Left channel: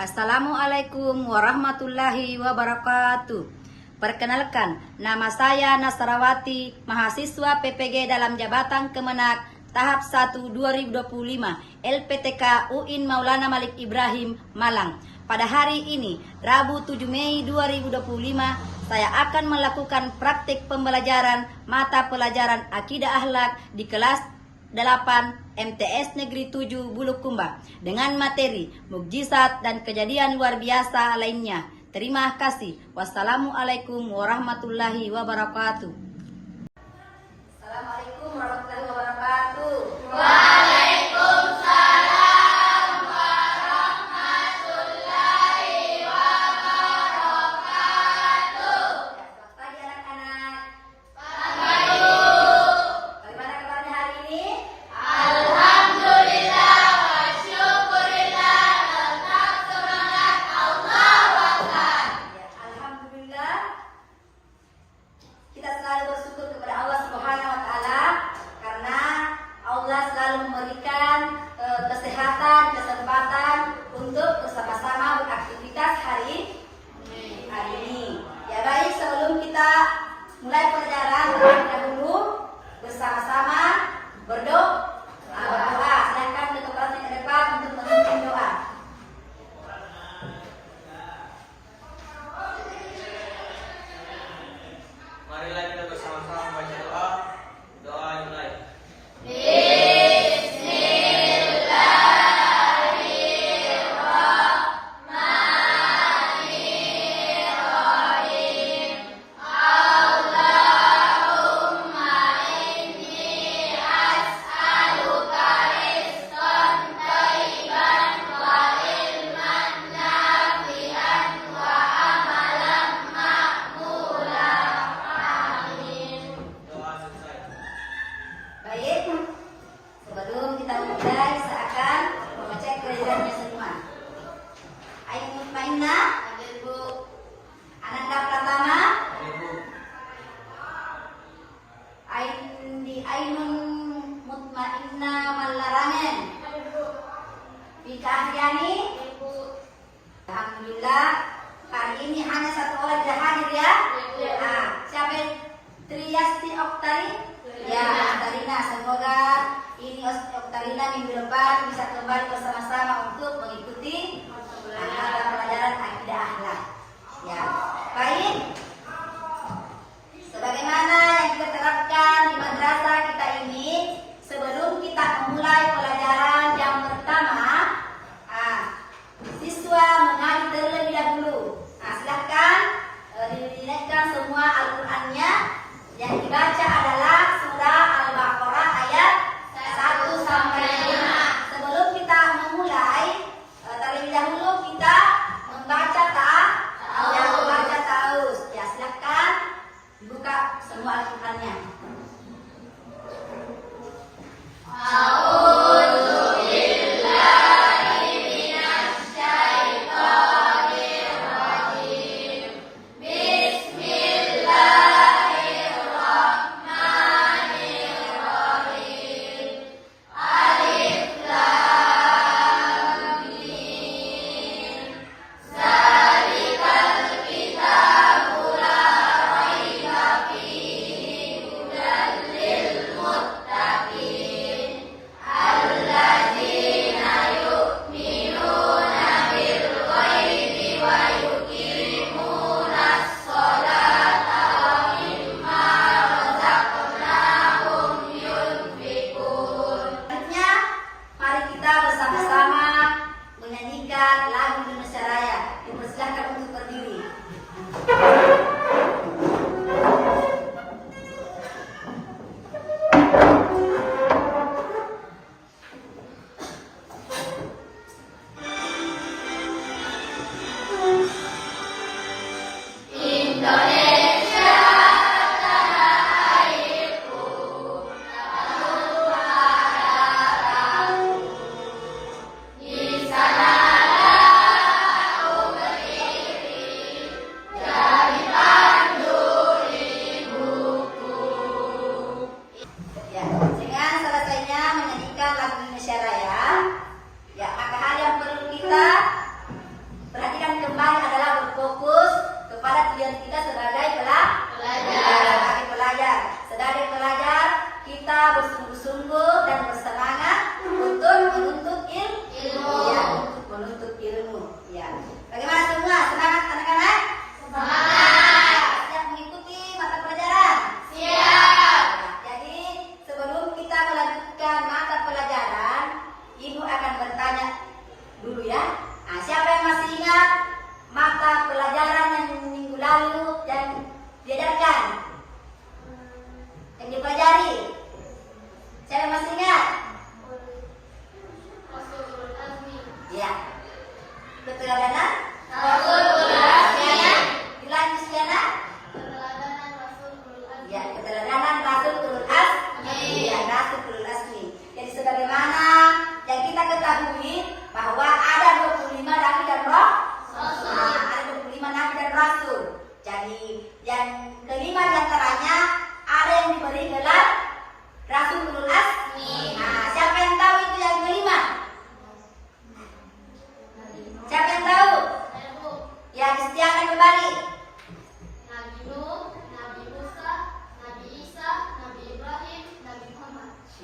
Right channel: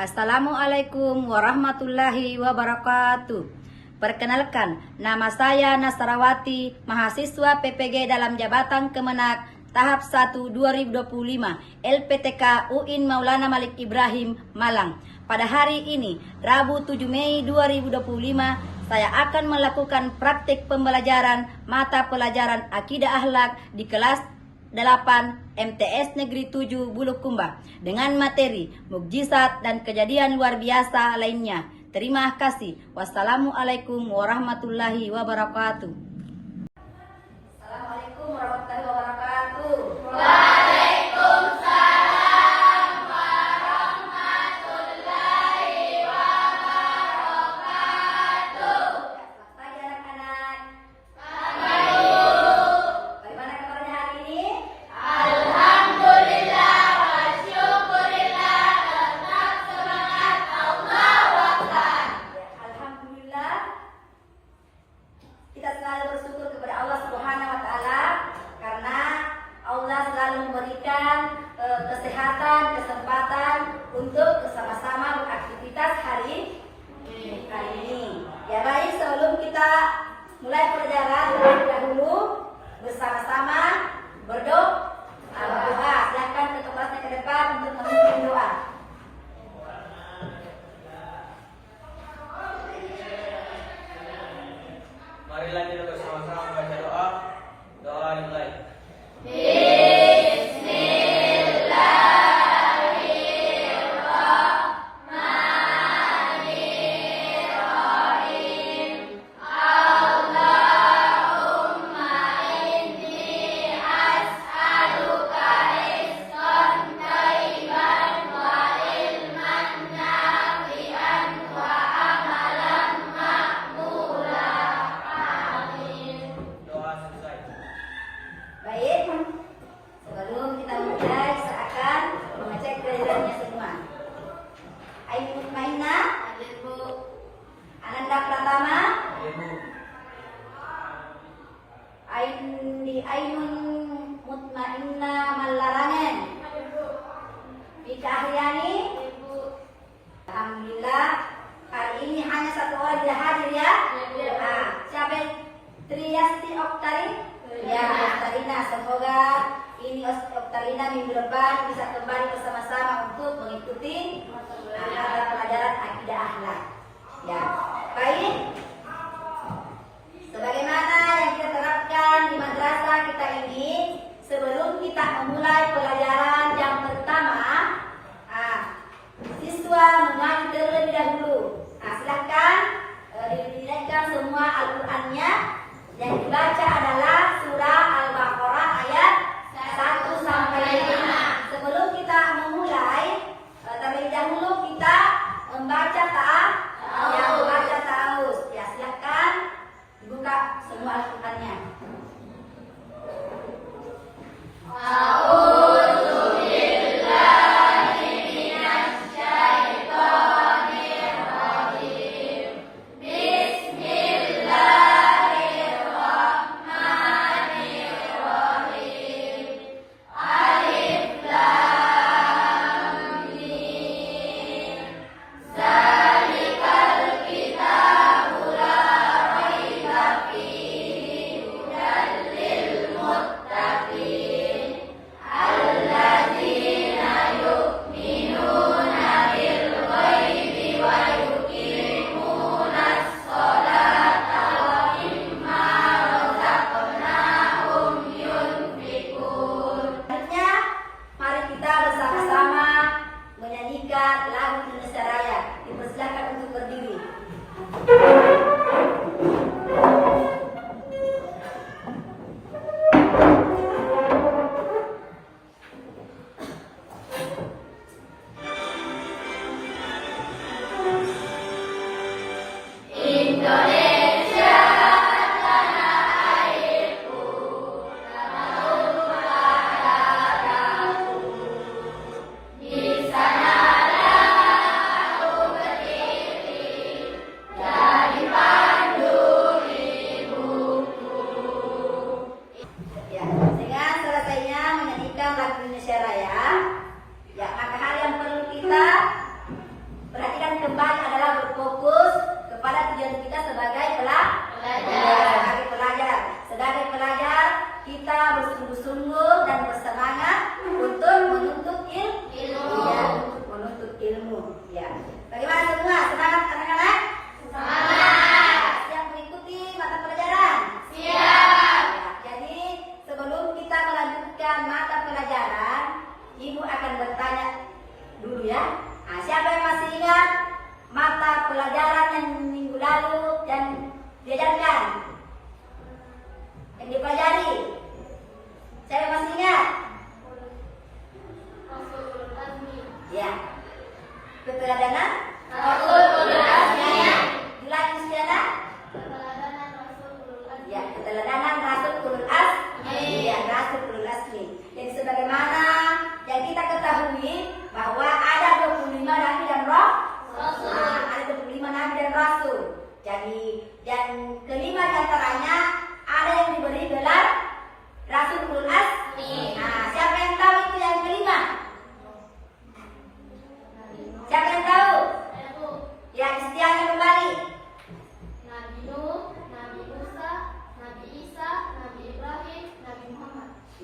Assalamualaikum warahmatullahi wabarakatuh. Perkenalkan, nama saya Nasrawati, mahasiswa PPG dalam Jabatan Kemenak tahap 1 2025 LPTK UIN Maulana Malik Ibrahim Malang. Pada hari ini, Rabu 7 Mei 2025, saya akan melakukan praktik pembelajaran mata pelajaran Akidah Akhlak di kelas 8 MTS Negeri 7 Bulukumba dengan materi mukjizat dan kejadian luar biasa lainnya. Terima kasih. Wassalamualaikum warahmatullahi wabarakatuh. Assalamualaikum warahmatullahi wabarakatuh. Waalaikumsalam warahmatullahi wabarakatuh. Selamat pagi anak-anak. Pagi. Bagaimana kabarnya hari ini? Alhamdulillah wa syukurillah, tetap semangat, Allahu Akbar. Alhamdulillah, kita selalu bersyukur kepada Allah Subhanahu wa Ta'ala karena Allah selalu memberikan kesehatan, kesempatan untuk bersama-sama beraktivitas hari ini. Ya baik, sebelum kita mulai pelajaran, terlebih dahulu bersama-sama berdoa. Silahkan ke tempatnya ke depan untuk memimpin doa. Marilah kita bersama-sama membaca doa. Doa dimulai. Doa selesai. Baik, sebelum kita mulai, kita akan mengecek kejadiannya semua. Ainun Mutmainnah, Ibu, Ananda Pratama, Ibu, Ainun Mutmainnah Malarangan, Vika Ahyani. Ibu, Alhamdulillah, hari ini hanya satu orang tidak hadir ya. Iya. Nah, siapa? Triyasti Oktari. Ya, Oktarina. Semoga ini Oktarina minggu depan bisa kembali bersama-sama untuk mengikuti mata pelajaran akidah akhlak. Ya, baik. Sebagaimana yang kita terapkan di madrasah kita ini, sebelum kita memulai pelajaran yang pertama, siswa mengaji terlebih dahulu. Silakan dilihatkan semua Al-Qur'annya. Yang dibaca adalah surah Al-Baqarah ayat 1 sampai 5. Sebelum kita memulai, terlebih dahulu kita membaca yang membaca ta'awuz. Ya, silakan dibuka semua Al-Qur'annya.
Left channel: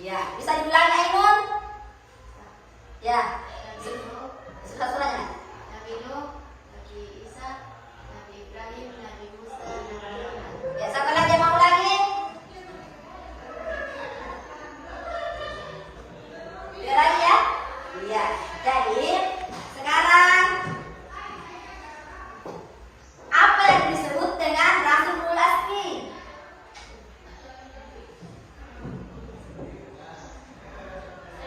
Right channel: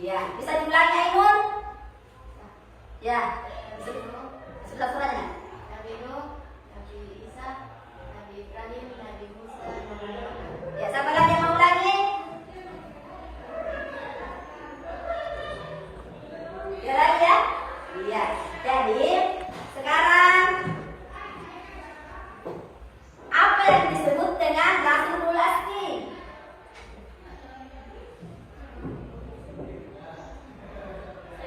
Ya, bisa diulangi Ainun? Ya, sudah surahnya. Nabi Nuh, Nabi Isa, Nabi Ibrahim, Nabi Musa, Nabi Muhammad. Ya, siapa lagi yang mau ulangi? Tidak lagi ya? Iya. Jadi sekarang apa yang disebut dengan Rasulul Asmi?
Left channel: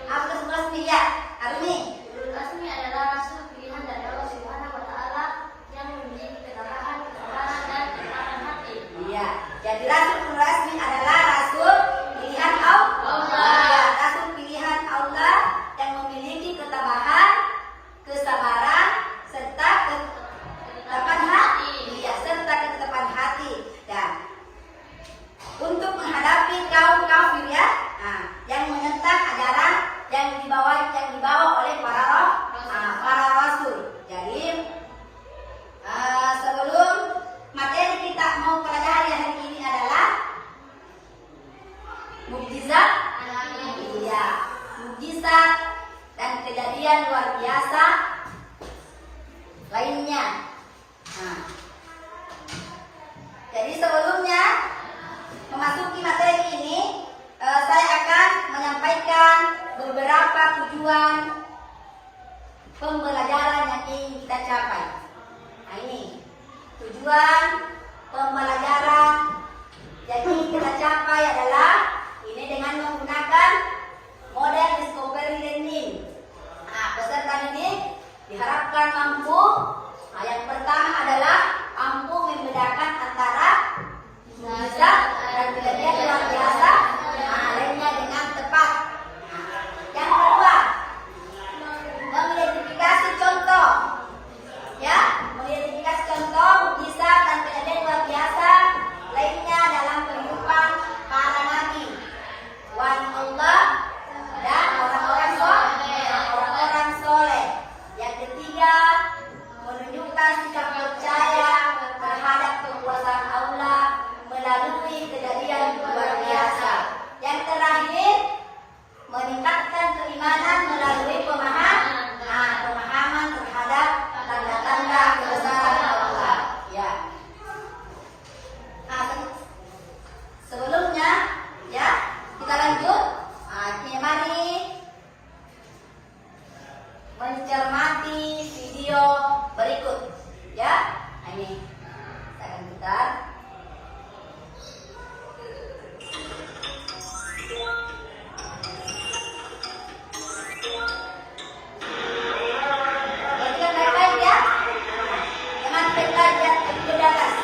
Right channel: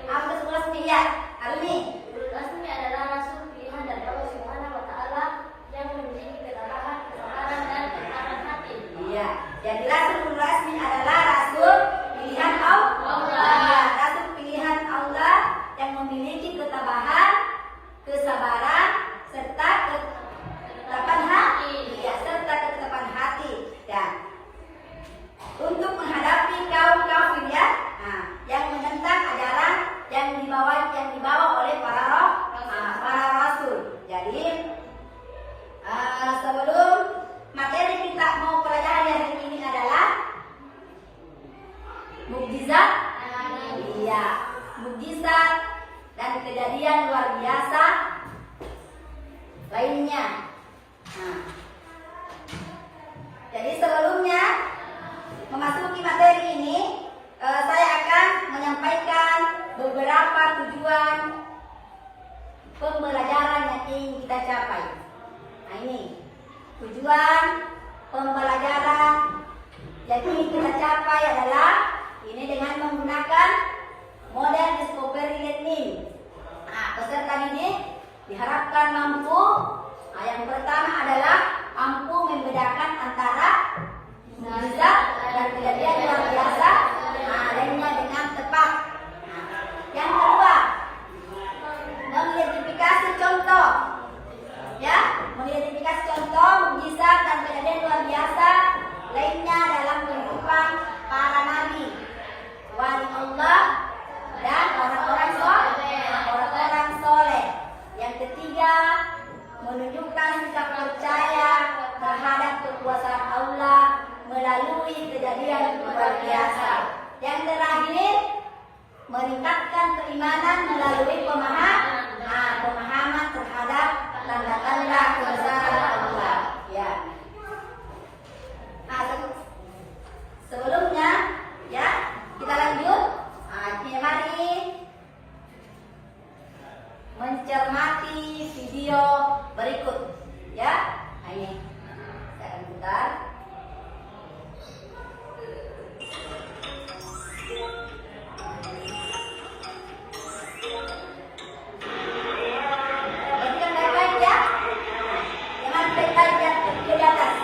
Apa Rasulul Asmi ya? Hari ini. Ulul Azmi adalah rasul pilihan dari Allah Subhanahu wa taala yang memiliki ketabahan, kesabaran dan ketabahan hati. Iya. Jadi Rasulul Asmi adalah rasul pilihan Allah. Rasul pilihan Allah yang memiliki ketabahan, kesabaran, serta ketetapan hati. Ya, serta ketetapan hati. Dan untuk menghadapi kaum kafir ya, yang menentang ajaran yang dibawa oleh para rasul. Jadi sebelum materi kita mau pelajari hari ini adalah mukjizat. Iya, mukjizat dan kejadian luar biasa lainnya. Jadi sebelumnya memasuki materi ini, saya akan menyampaikan beberapa tujuan pembelajaran yang ingin kita capai. Nah ini tujuan pembelajaran yang ingin kita capai adalah ini dengan menggunakan model discovery learning. Peserta ini diharapkan mampu. Yang pertama adalah mampu membedakan antara mukjizat dan kejadian luar biasa lainnya dengan tepat. Yang kedua, mengidentifikasi contoh, ya, mengidentifikasi contoh mukjizat dan kejadian luar biasa lainnya dalam kehidupan para nabi, wali Allah dan orang-orang soleh. Yang ketiga, menunjukkan sikap percaya terhadap kekuasaan Allah melalui kejadian luar biasa. Yang terakhir, meningkatkan keimanan melalui pemahaman terhadap tanda-tanda kebesaran Allah. Ya. Sebelumnya, ya, kita lanjut. Mari mencermati video berikut. Ya, ini kita akan putar. Perhatikan baik-baik ya. Jangan lihat video di atas.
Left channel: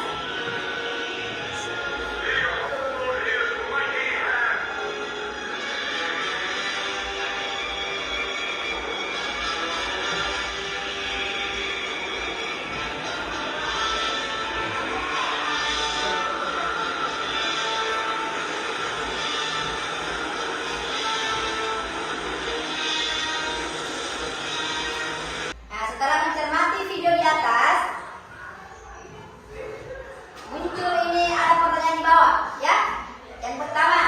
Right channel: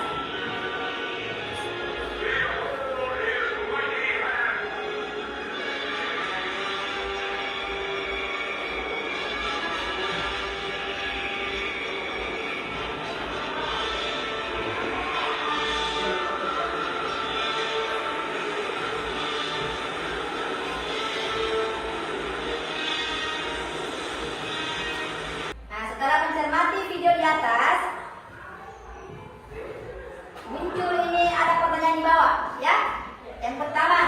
Setelah mencermati video di atas, muncul ini ada pertanyaan di bawah, ya. Yang pertama,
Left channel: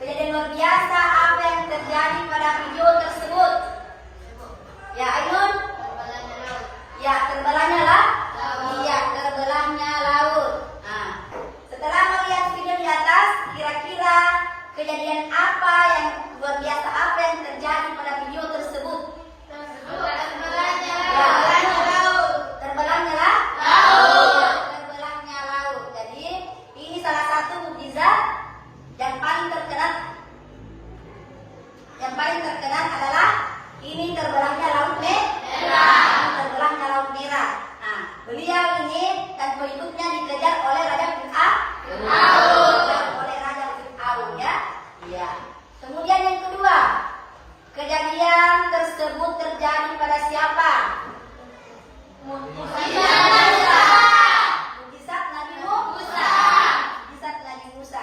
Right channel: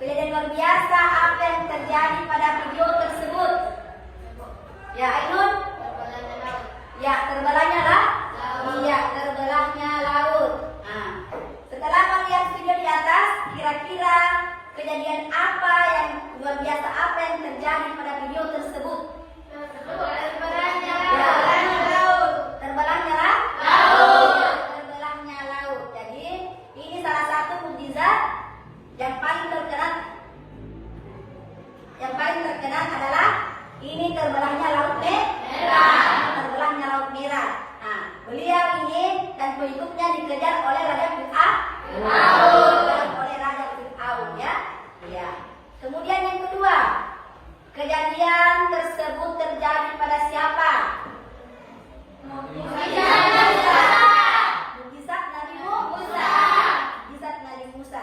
kejadian luar biasa apa yang terjadi pada video tersebut? Ya, Ainun? Ya, terbelahnya lah. Iya, terbelahnya laut. Setelah melihat video di atas, kira-kira kejadian apa yang luar biasa apa yang terjadi pada video tersebut? Terbelahnya laut. Jadi ini salah satu mukjizat yang paling terkenal. Yang paling terkenal adalah ini terbelahnya laut merah. Terbelahnya laut merah. Beliau ini dan pengikutnya dikejar oleh Raja Fir'aun. Ya. Kemudian yang kedua, kejadian tersebut terjadi pada siapa? Mukjizat Nabi Musa.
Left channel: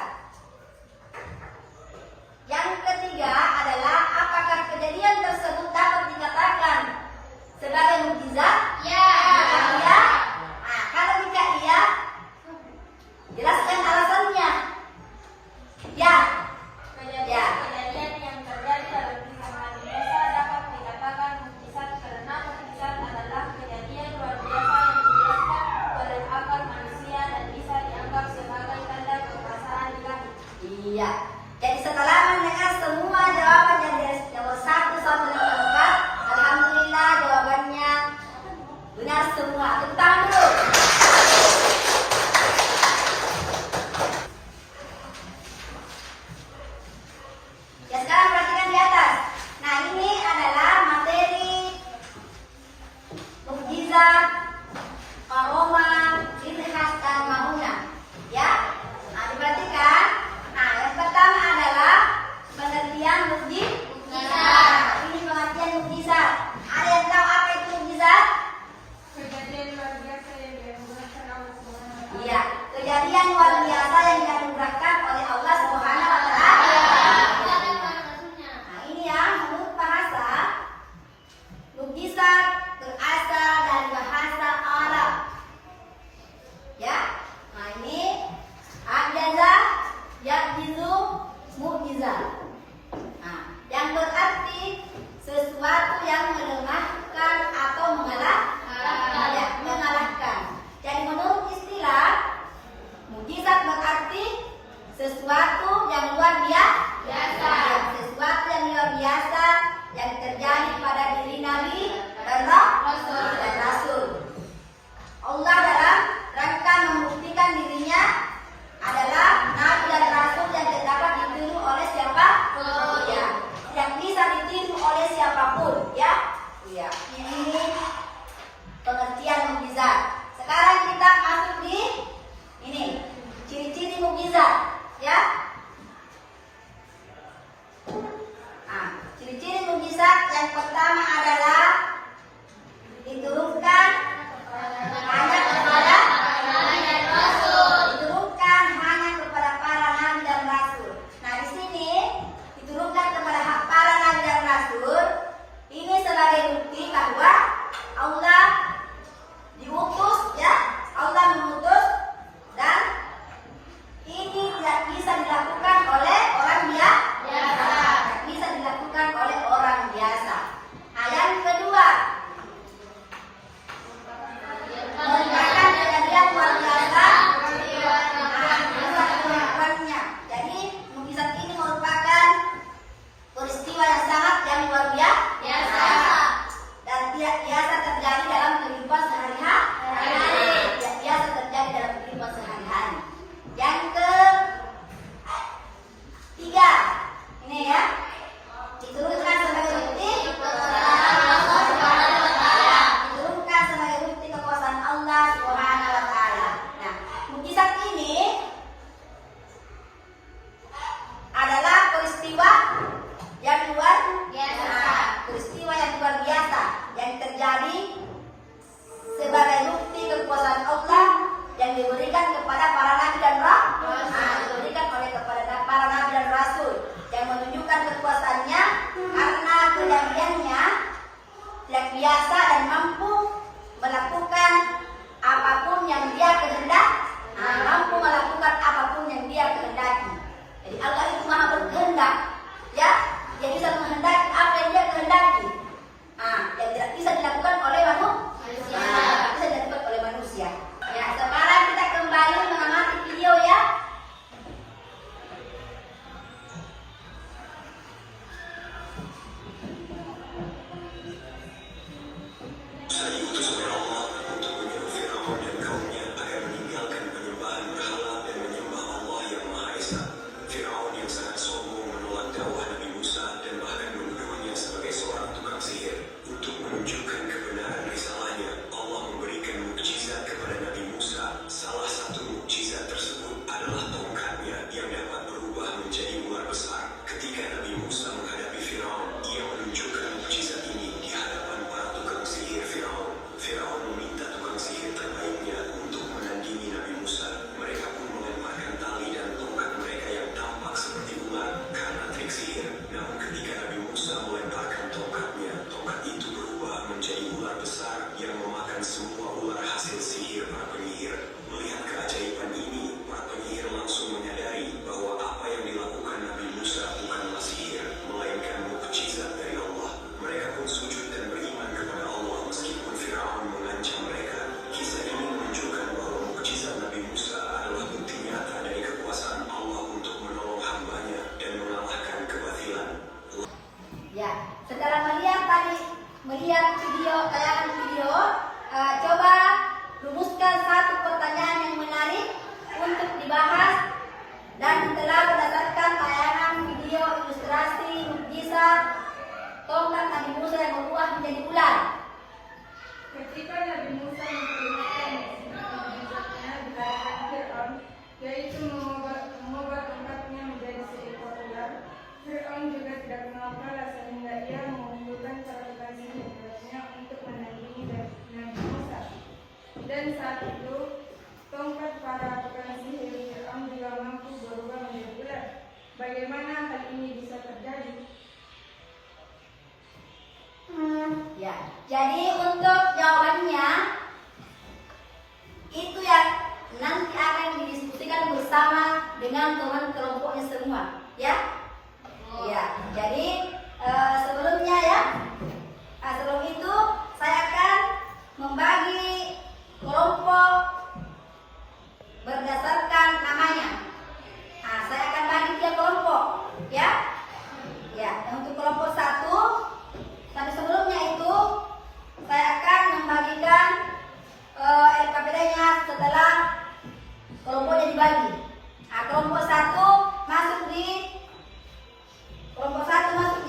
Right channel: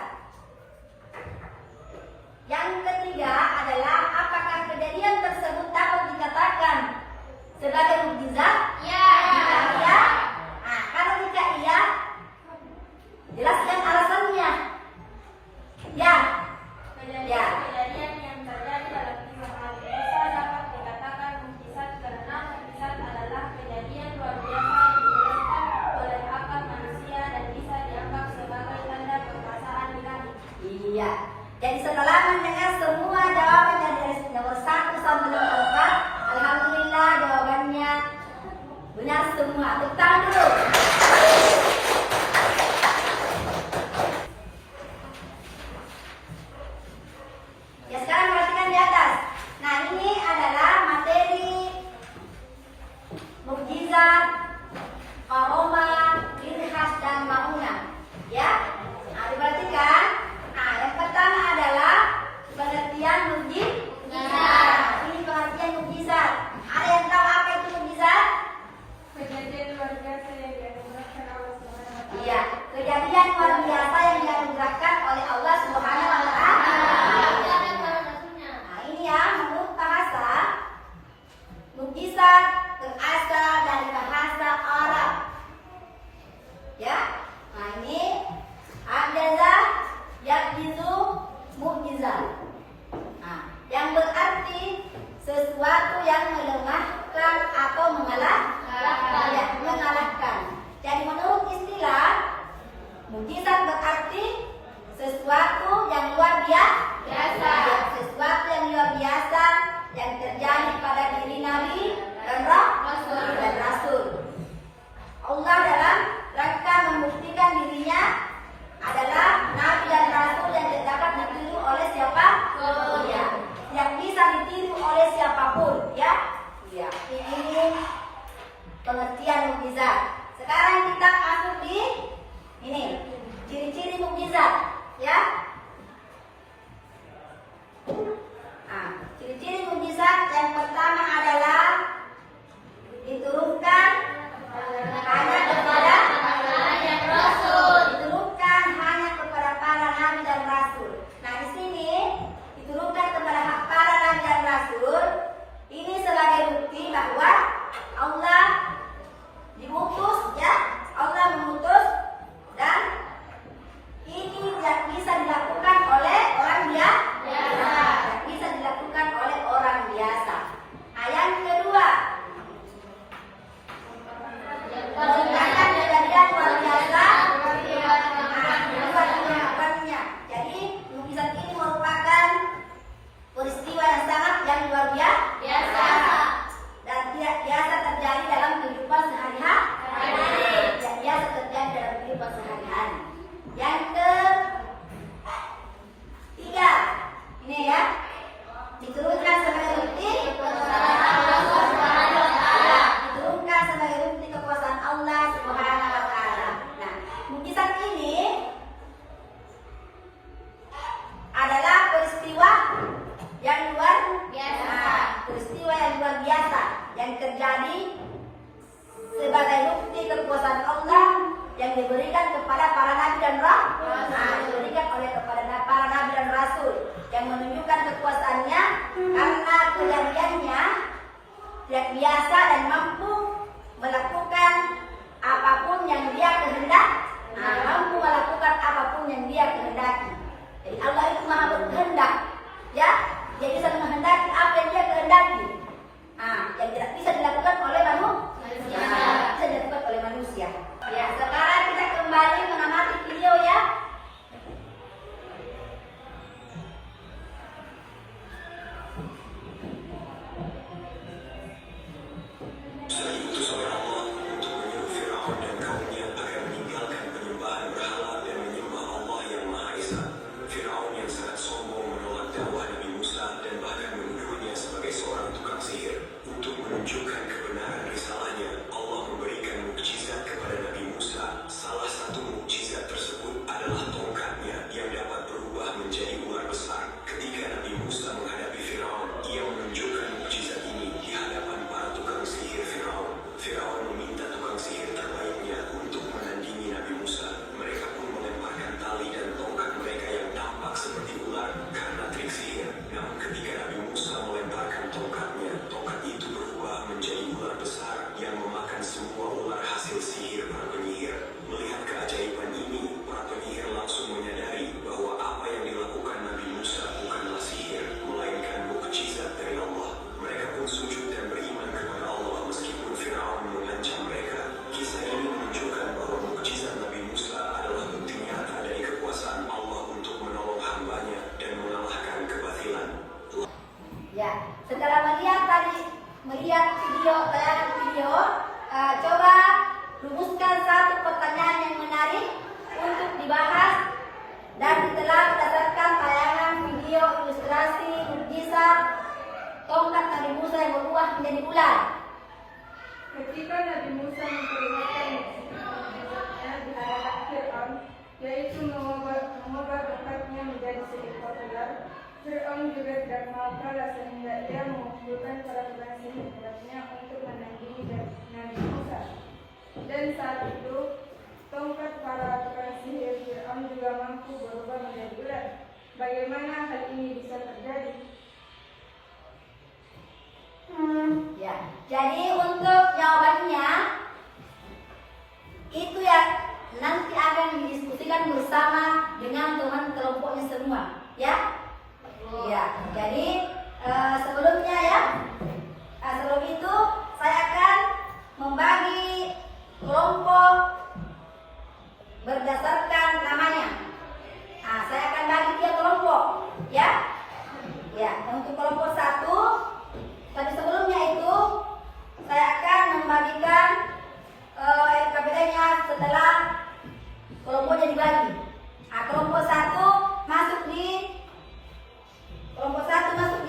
Yang ketiga adalah apakah kejadian tersebut dapat dikatakan sebagai mukjizat? Ya. Jika iya, kalau jika iya, jelaskan alasannya. Ya. Ya. Jadi setelah mendengar semua jawaban dari nomor 1 sampai nomor 4, alhamdulillah jawabannya benar semua. Tepuk tangan dulu. Ya, sekarang perhatikan di atas. Nah, ini adalah materi mukjizat, aroma, ciri khas dan bangunan. Ya, nah, diperhatikan. Nah, yang pertama adalah pengertian mukjizat. Ini pengertian mukjizat. Ada yang tahu apa itu mukjizat? Kejadian luar biasa yang dianugerahkan Allah SWT. Iya, kejadian luar biasa yang dianugerahkan oleh Allah Subhanahu wa taala. Nah, ini ya, menurut bahasa mukjizat berasal dari bahasa Arab. Ya. Nah, ini adalah yakjizu mukjizat. Nah, yang berarti sesuatu yang melemahkan atau mengalahkan. Jadi menurut istilah mukjizat berarti sesuatu yang luar biasa. Ya, sesuatu yang luar biasa yang terjadi pada diri Nabi dan Rasul. Allah dalam rangka membuktikan dirinya adalah Nabi dan Rasul yang tidak dapat ditiru oleh siapa? Ya, yang bisa ditiru oleh siapapun. Ya, iya. Ini pengertian mukjizat. Sekarang kita masuk di ini ciri-ciri mukjizat. Ya. Nah, ciri-ciri mukjizat yang pertama adalah diturunkan hanya kepada diturunkan hanya kepada para nabi dan rasul. Nah, di sini diturunkan kepada para nabi dan rasul. Ini sebagai bukti bahwa Allah diutus, ya, Allah mengutus, dan ini tidak bisa dilakukan oleh orang biasa. Tidak bisa dilakukan oleh orang biasa. Nah, yang kedua, mengerjakan kejadian luar biasa. Jadi mukjizat ini merupakan peristiwa yang sangat yang luar biasa dan tidak biasa terjadi dalam kehidupan sehari-hari. Tidak biasa terjadi dalam kehidupan sehari-hari. Yang ketiga, ini ya, diturunkan sebagai bukti diturunkan sebagai bukti kekuasaan Allah Subhanahu wa taala. Nah, mukjizat ini adalah peristiwa yang luar biasa. Peristiwa yang luar biasa yang terjadi sebagai bukti kekuasaan Allah yang diberikan kepada para nabi dan rasul. Diberikan oleh kepada para nabi dan rasul yang menunjukkan kekuasaannya karena kejadiannya yang biasa dan mampu melakukan apapun yang dia kehendaki. Mampu melakukan apapun yang dia kehendaki. Jadi Allah itu maha berkehendak, ya, dia bisa menghendaki apa yang dia kehendaki. Yang tidak bisa dilakukan oleh manusia. Tidak bisa dilakukan oleh manusia. Ya, sekarang kita kembali mengamati video ya. Fir'aun juga tidak mau kalah sehingga ia mengumpulkan para tukang sihir hebatnya untuk menandingi Nabi Musa. Dan saat itu tongkat para tukang sihir Fir'aun juga mampu berubah menjadi ular. Bagaimana hal ini bisa terjadi? Ya, jadi untuk jawabannya itu ya nanti akan didiskusikan bersama dengan teman kelompoknya semua, ya. Ya, jadi sebelumnya ya, sebelum itu saya akan membagi kelompok berdasarkan namanya. Saya akan bagi tiap kelompok, ya. Ya, untuk kelompok 1. Tapi sebelumnya itu saya akan membagikan LKPD-nya setelah kelompoknya dibagi. Kelompok 1 masuk di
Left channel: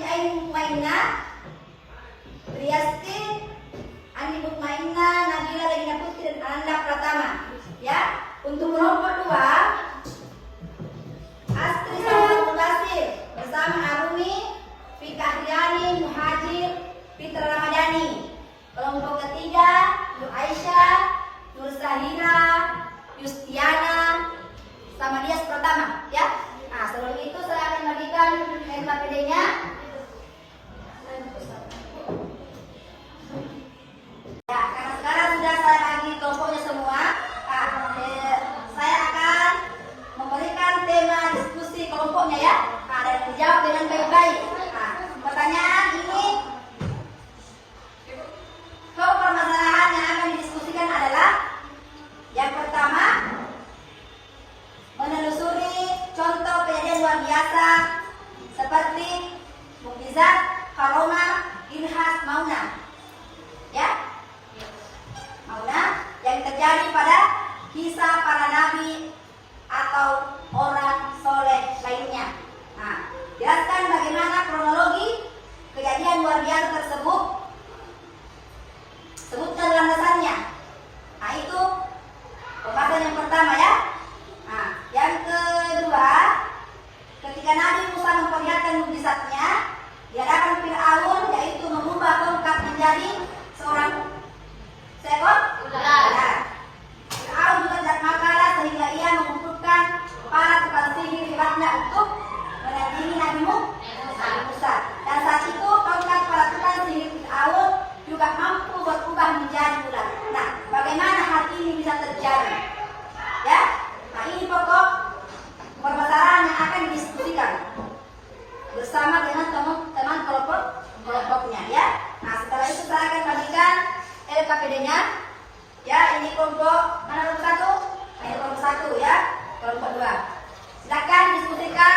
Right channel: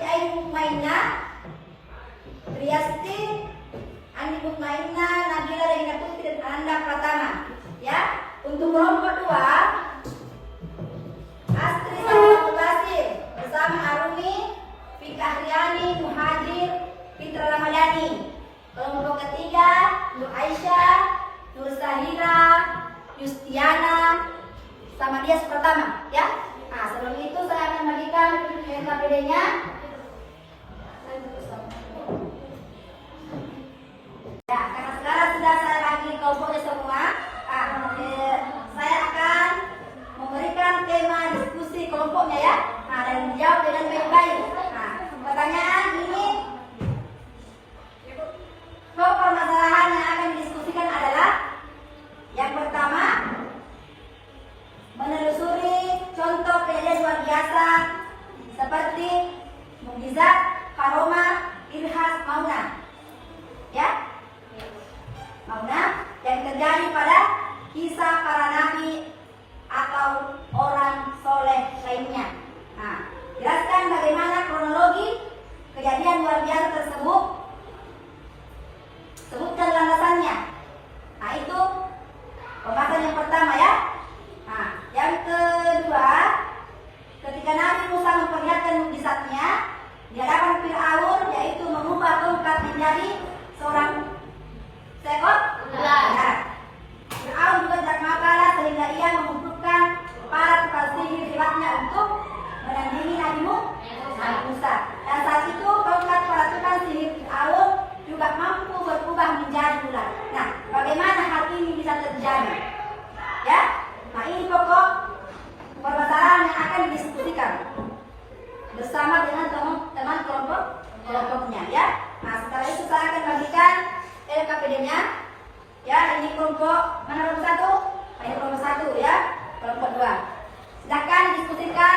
Ain Maina, Triasti, Andi Mutmainna, Nabila Delina Putri dan Ananda Pratama. Ya, untuk kelompok 2 Astri Samsul Basir bersama Aruni, Fikahriani, Muhajir, Fitra Ramadhani. Kelompok ketiga Nur Aisyah, Nur Sahira, Yustiana, sama dia pertama, ya. Sebelum itu saya akan bagikan LKPD-nya. Ya, karena sekarang sudah saya bagi kelompoknya semua. Saya akan memberikan tema diskusi kelompoknya, ya. Dan dijawab dengan baik-baik. Pertanyaan ini, permasalahan yang akan didiskusikan adalah yang pertama, menelusuri contoh kejadian luar biasa seperti mukjizat, karomah, irhas, maunah, ya, maunah yang terjadi pada kisah para nabi atau orang soleh lainnya. Jelaskan bagaimana kronologi kejadian luar biasa tersebut. Sebutkan landasannya. Itu pembahasan yang pertama, ya. Yang kedua, ketika Nabi Musa memperlihatkan mukjizatnya di hadapan Fir'aun, yaitu merubah tongkat menjadi seorang seekor ular. Fir'aun juga tidak mau kalah sehingga ia mengumpulkan para tukang sihir hebatnya untuk menandingi Nabi Musa. Dan saat itu tongkat para tukang sihir Fir'aun juga mampu berubah menjadi ular. Bagaimana hal ini bisa terjadi? Ya, ini pokok permasalahan yang akan didiskusikan bersama dengan teman-teman kelompoknya, ya. Setelah itu saya akan bagikan LKPD-nya. Ya, ini kelompok mana kelompok 1? Ini kelompok 1, ya. Kelompok 2. Silakan didiskusikan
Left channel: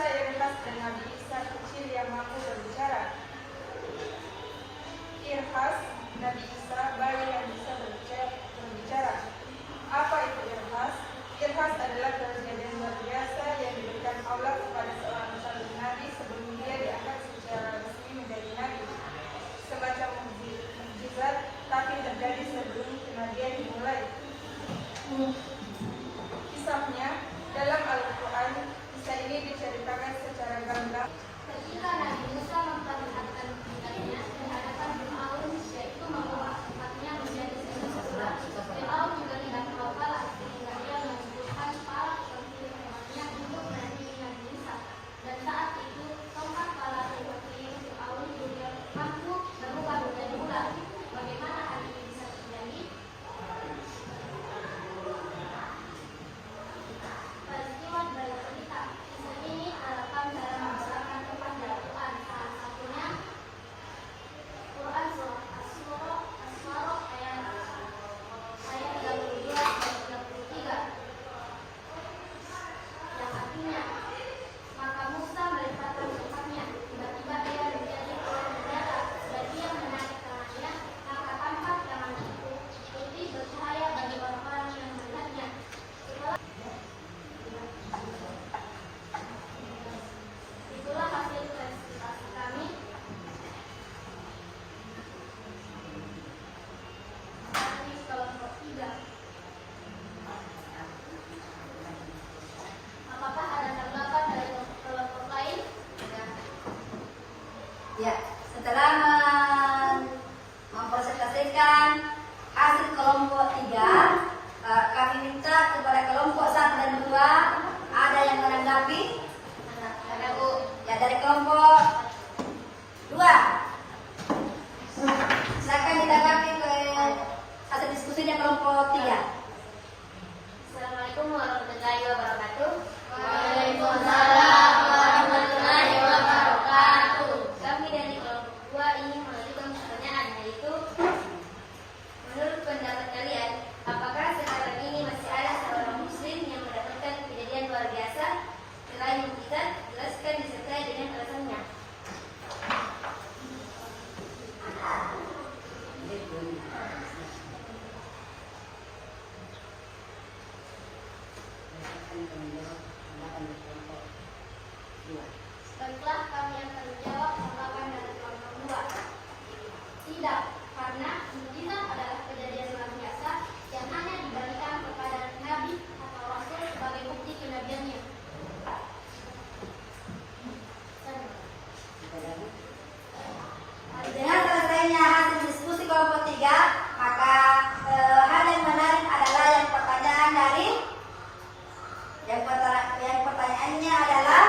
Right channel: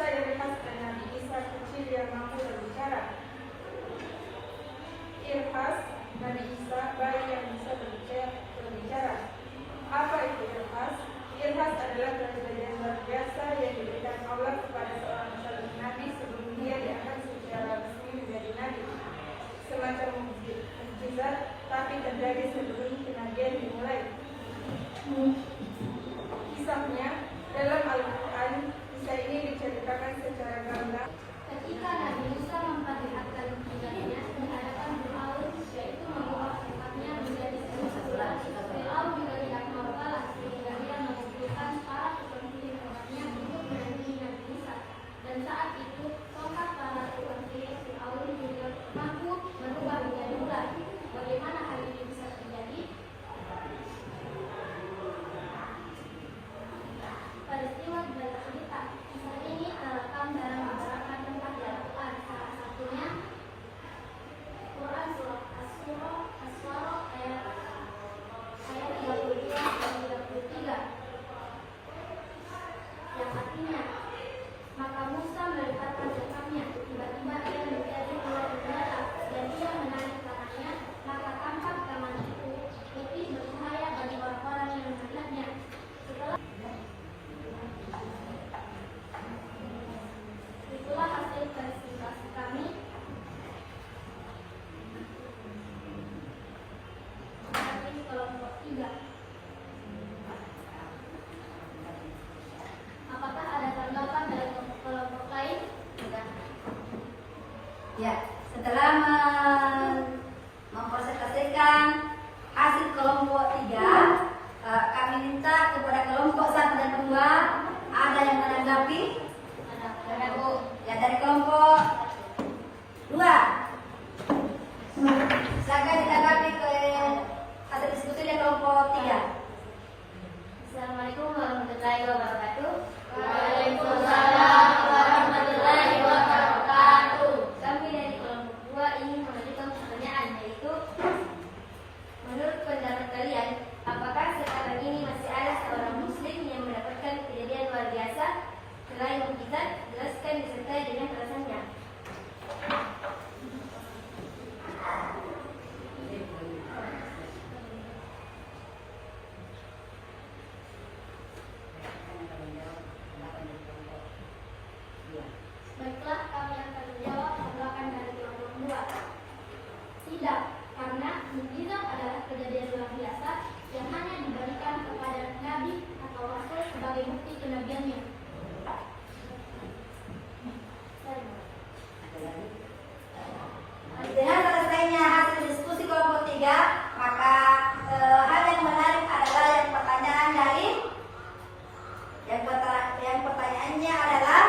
Isa Irhas dan Nabi Isa kecil yang mampu berbicara. Irhas, Nabi Isa, bayi yang bisa berbicara. Apa itu Irhas? Irhas adalah kejadian luar biasa yang diberikan Allah kepada seorang nabi sebelum dia diangkat secara resmi menjadi nabi. Semacam mukjizat, tapi terjadi sebelum kenabian dimulai. Kisahnya dalam Al-Quran, kisah ini diceritakan secara gamblang. Ketika Nabi Musa memperlihatkan tugasnya di hadapan Fir'aun, yaitu membawa umatnya menjadi sesatuan. Fir'aun juga dengan global sehingga dia mengumpulkan para pemimpin umatnya untuk menandingi Nabi Musa. Dan saat itu, tongkat para pemimpin Fir'aun mampu berubah menjadi ular. Bagaimana hal ini bisa terjadi? Peristiwa dibalik cerita. Kisah ini terekam dalam beberapa tempat dalam Quran. Salah satunya Quran Surah As-Surah ayat 32 dan 33. Yang artinya, maka Musa melepaskan tongkatnya. Tiba-tiba ia menjadi ular berdarah dan ia menarik tangannya, maka tampak tangan itu putih bercahaya bagi orang-orang yang melihatnya. Itulah hasil presentasi kami. Dari kelompok 3. Apakah ada tanggapan dari kelompok lain? Ya, setelah mempresentasikan hasil kelompok 3, kami minta kepada kelompok 1 dan 2 ada yang menanggapi. Ada Bu. Ya, dari kelompok 2. Silakan ditanggapi ke hasil diskusi dari kelompok 3. Assalamualaikum warahmatullahi wabarakatuh. Waalaikumsalam warahmatullahi wabarakatuh. Kami dari kelompok 2 ingin mengajukan pertanyaan, yaitu menurut pendapat kalian, apakah sekarang ini masih ada seorang muslim yang mendapatkan kejadian luar biasa selain mukjizat? Jelaskan disertai dengan alasannya. Baiklah, kami akan menjawab tanggapan dari kelompok 2. Tidak, karena mukjizat adalah kejadian luar biasa yang hanya diberikan kepada nabi atau rasul sebagai bukti kenabiannya. Dengan selesainya hasil diskusi kelompok 3, maka hal yang menarik adalah yang pertanyaan dari yang pertanyaannya adalah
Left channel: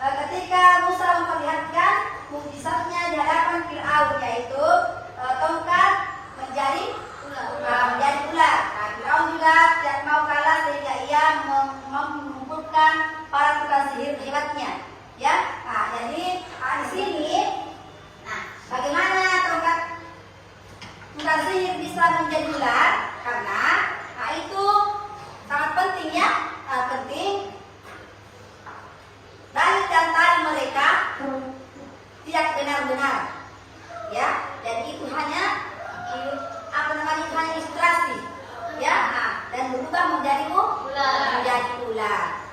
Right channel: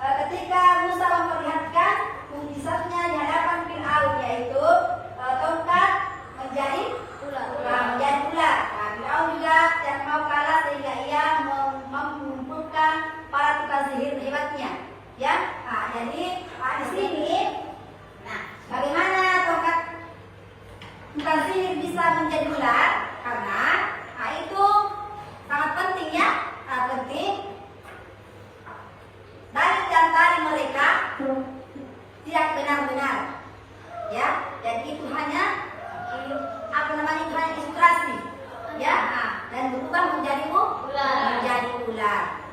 ketika Musa memperlihatkan mukjizatnya di hadapan Fir'aun, yaitu tongkat menjadi ular. Nah, Fir'aun juga tidak mau kalah sehingga ia mengumpulkan para tukang sihir hebatnya. Ya, nah, jadi di sini, nah, bagaimana tongkat tukang sihir bisa menjadi ular? Karena itu sangat penting ya, sangat penting. Dalil dan tali mereka tidak benar-benar, ya, dan itu hanya ilustrasi, ya, dan berubah menjadi ular.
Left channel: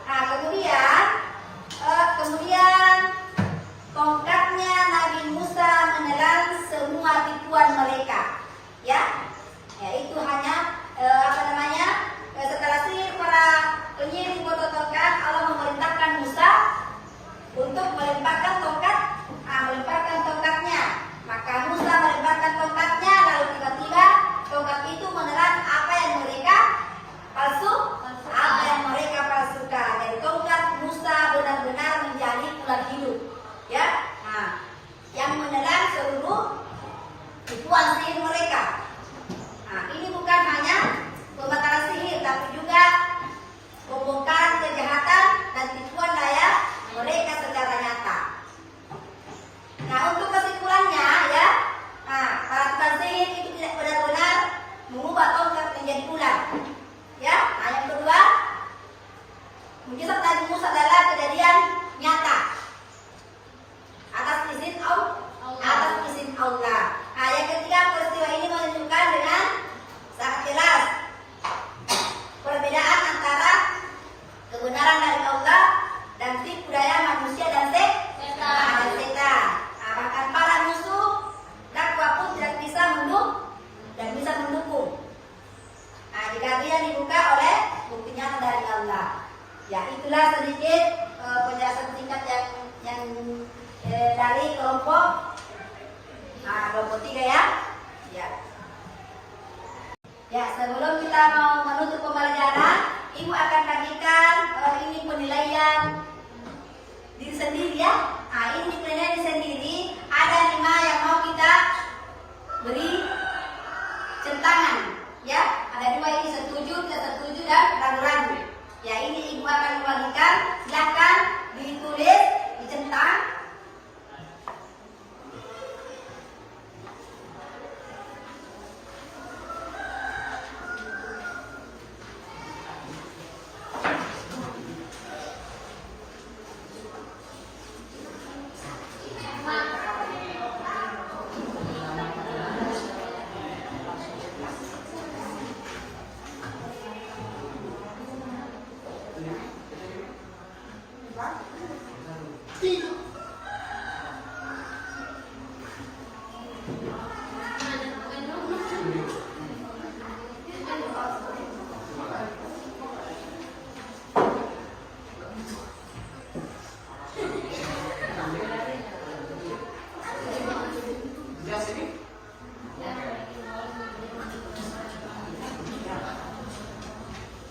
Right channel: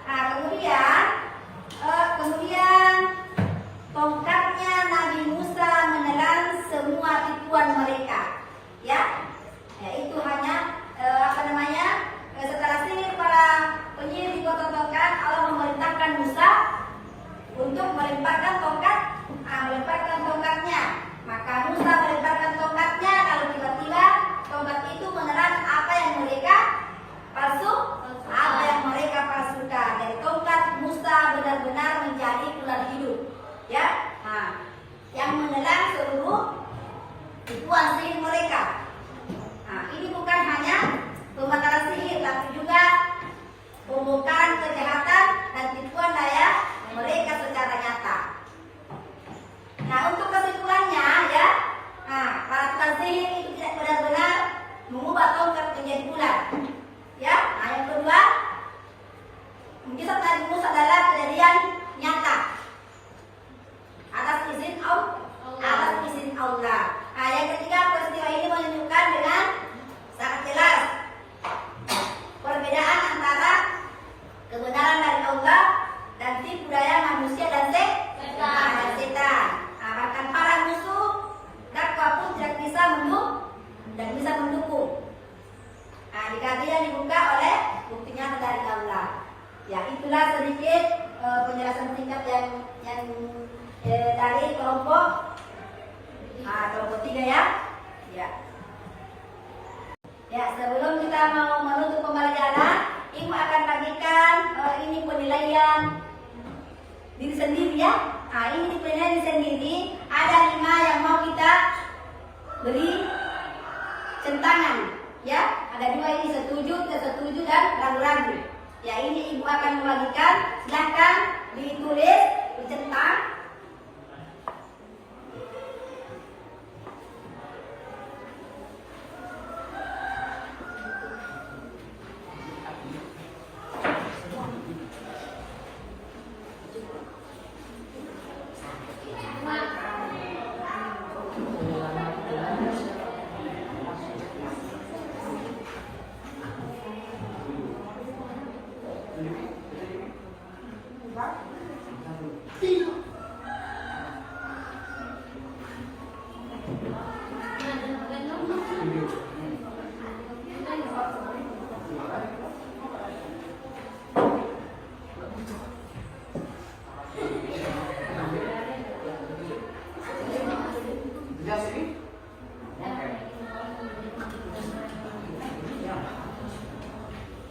Nah, kemudian tongkatnya Nabi Musa menelan semua tipuan mereka, ya, itu hanya setelah sihir para penyihir botol tongkat, Allah memerintahkan Musa untuk melemparkan tongkatnya. Maka Musa melemparkan tongkatnya, lalu tiba-tiba tongkat itu menelan apa yang mereka palsukan. Jadi tongkat Musa benar-benar menjadi ular hidup, ya. Nah, yang menelan seluruh tipuan sihir mereka. Nah, ini bukan dari kelompok kelompok 3 ya. Ya. Ya, sebelum kita mau menutup pembelajaran, Ibu akan bagikan ini penilaian diri sendiri ya. Ini penilaian diri sendiri. Ada 5 yang mau kita beri centangan ya. Ada 2 ini setuju, tidak setuju dan ragu-ragu. Ya, ini Ibu akan membagikan. Silakan ditulis, dicentang.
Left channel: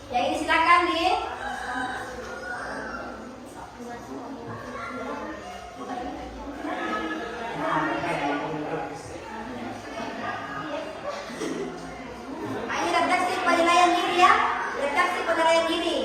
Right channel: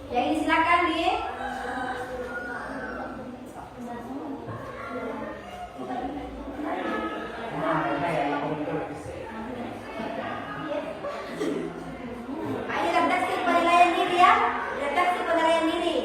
Ya, ini silakan di ini redaksi penilaian diri ya. Redaksi penilaian diri.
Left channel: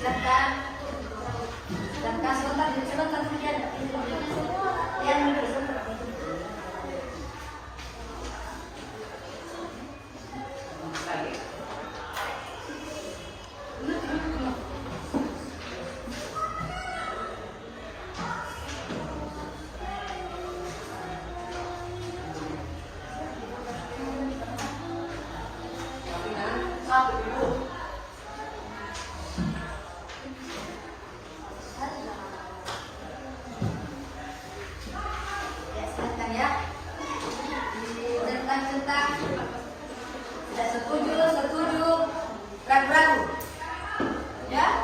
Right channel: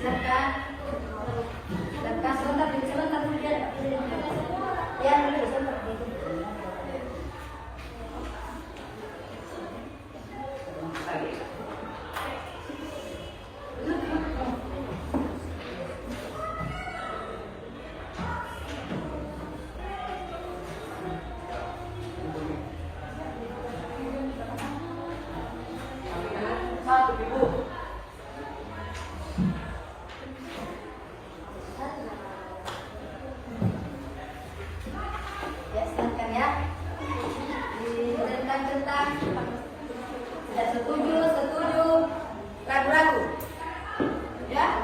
Silakan. Dan sebentar kemudian yang dulu sebentar. Ya, silakan ya. Tentang tidak setuju, setuju, ragu-ragu. Ya.